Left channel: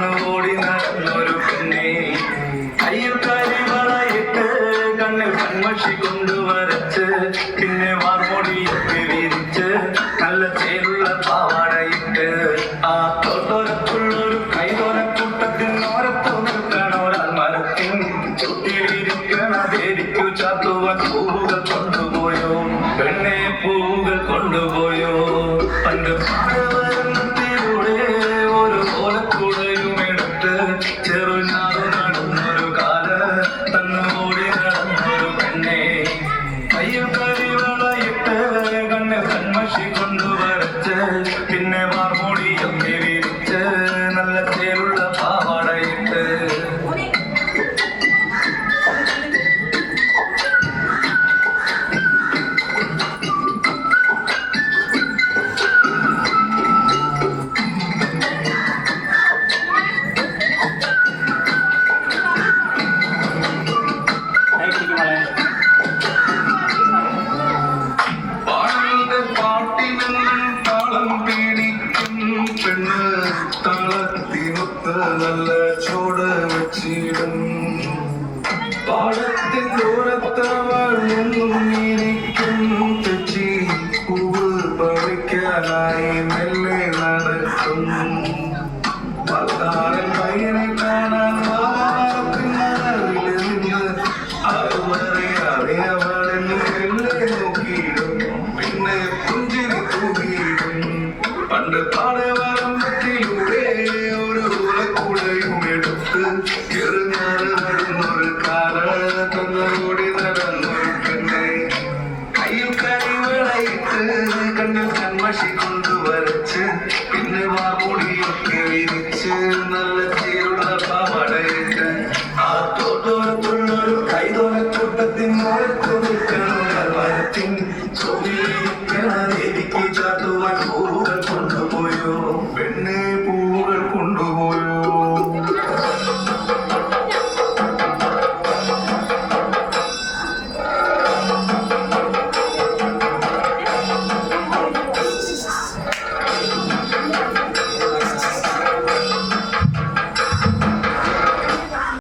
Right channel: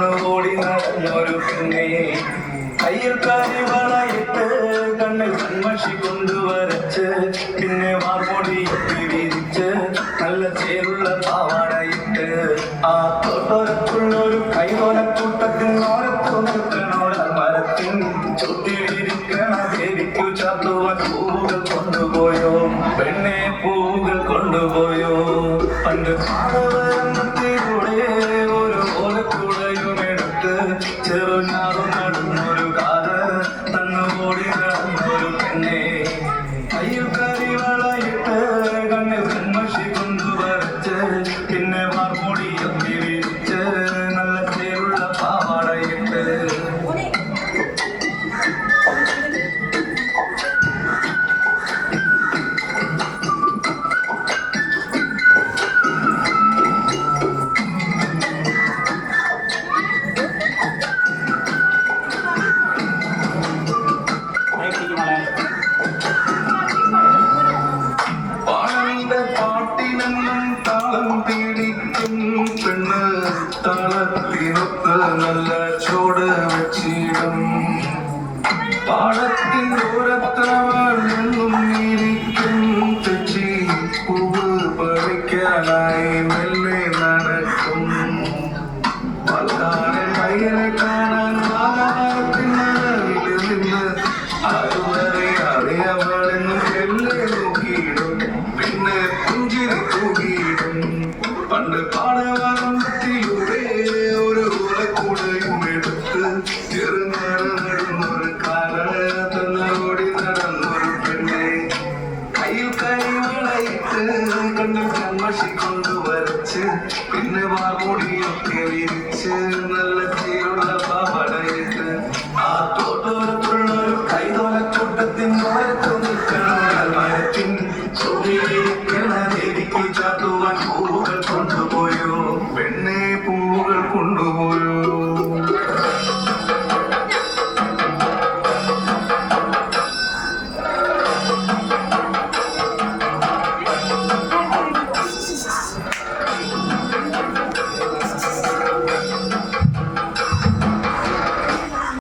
തന്നു ഓടി നടന്നൊരു പെണ്ണെ കയ്യിൽ കരിവളയിട്ട് കണ്ണിൽ കൺമഷി കൊണ്ടുവരച്ച് പിന്നെ വാർമൊടിയൊക്കെ വിരിച്ച് നല്ല ചേരുള്ള പാവാടയിട്ട് ആ തോട്ടോരത്തുള്ളൊരു കൈതോലക്കൂട്ടത്തിനോരത്തു നിൽക്കണ ഒരാൾ മരത്തിൻ ചുട്ടിലിരിക്കണ ദേവിക്കു ചാത്തുവാൻ പൂവുകൾ കൊണ്ടുപോയോ പെണ്ണെ പൂവുകൾ കൊണ്ടുപോയോ പണ്ട് പാടവരത്തിലൂടെ ഒരു ഓലക്കൂടയും എടുത്ത് ചെറുഞാറു നടന്നൊരു കാല തന്നു ഓടി നടന്നൊരു പെണ്ണെ കയ്യിൽ കരിവളയിട്ട് കണ്ണിൽ കൺമഷി കൊണ്ടുവരച്ച് പിന്നെ വാർമൊടിയൊക്കെ വിരിച്ച് നല്ല ചേരുള്ള പാവാടയിട്ട് താളത്തിനൊത്ത് നല്ല ചോട് വെച്ചിടും പാടത്തിൻ ദൂരത്തവൾ എന്നും ഇരിക്കും തെച്ചി പൂവ് പറിക്കാനായി മെല്ലെ നടക്കും പൽക്കാരൻ പയ്യനെ കാണാൻ വാഹനത്തിനകവിൽ നിന്ന് അതുവരെയാതെ അവളെന്ന് മെല്ലെ നോക്കിയിടും പിന്നെ പുഞ്ചിരി തൂകിയിടും പണ്ട് പാടവരമ്പത്തിലൂടെ ഒരു ഓലക്കൂടയും എടുത്ത് ചെറുഞാറ് നടന്നൊരു കാല തന്നോടി നടന്നൊരു പെണ്ണെ കയ്യിൽ കരിവളയിട്ട് കണ്ണിൽ കൺമഷി കൊണ്ടുവരച്ച് പിന്നെ വാർമൊടിയൊക്കെ വിരിച്ച് നല്ല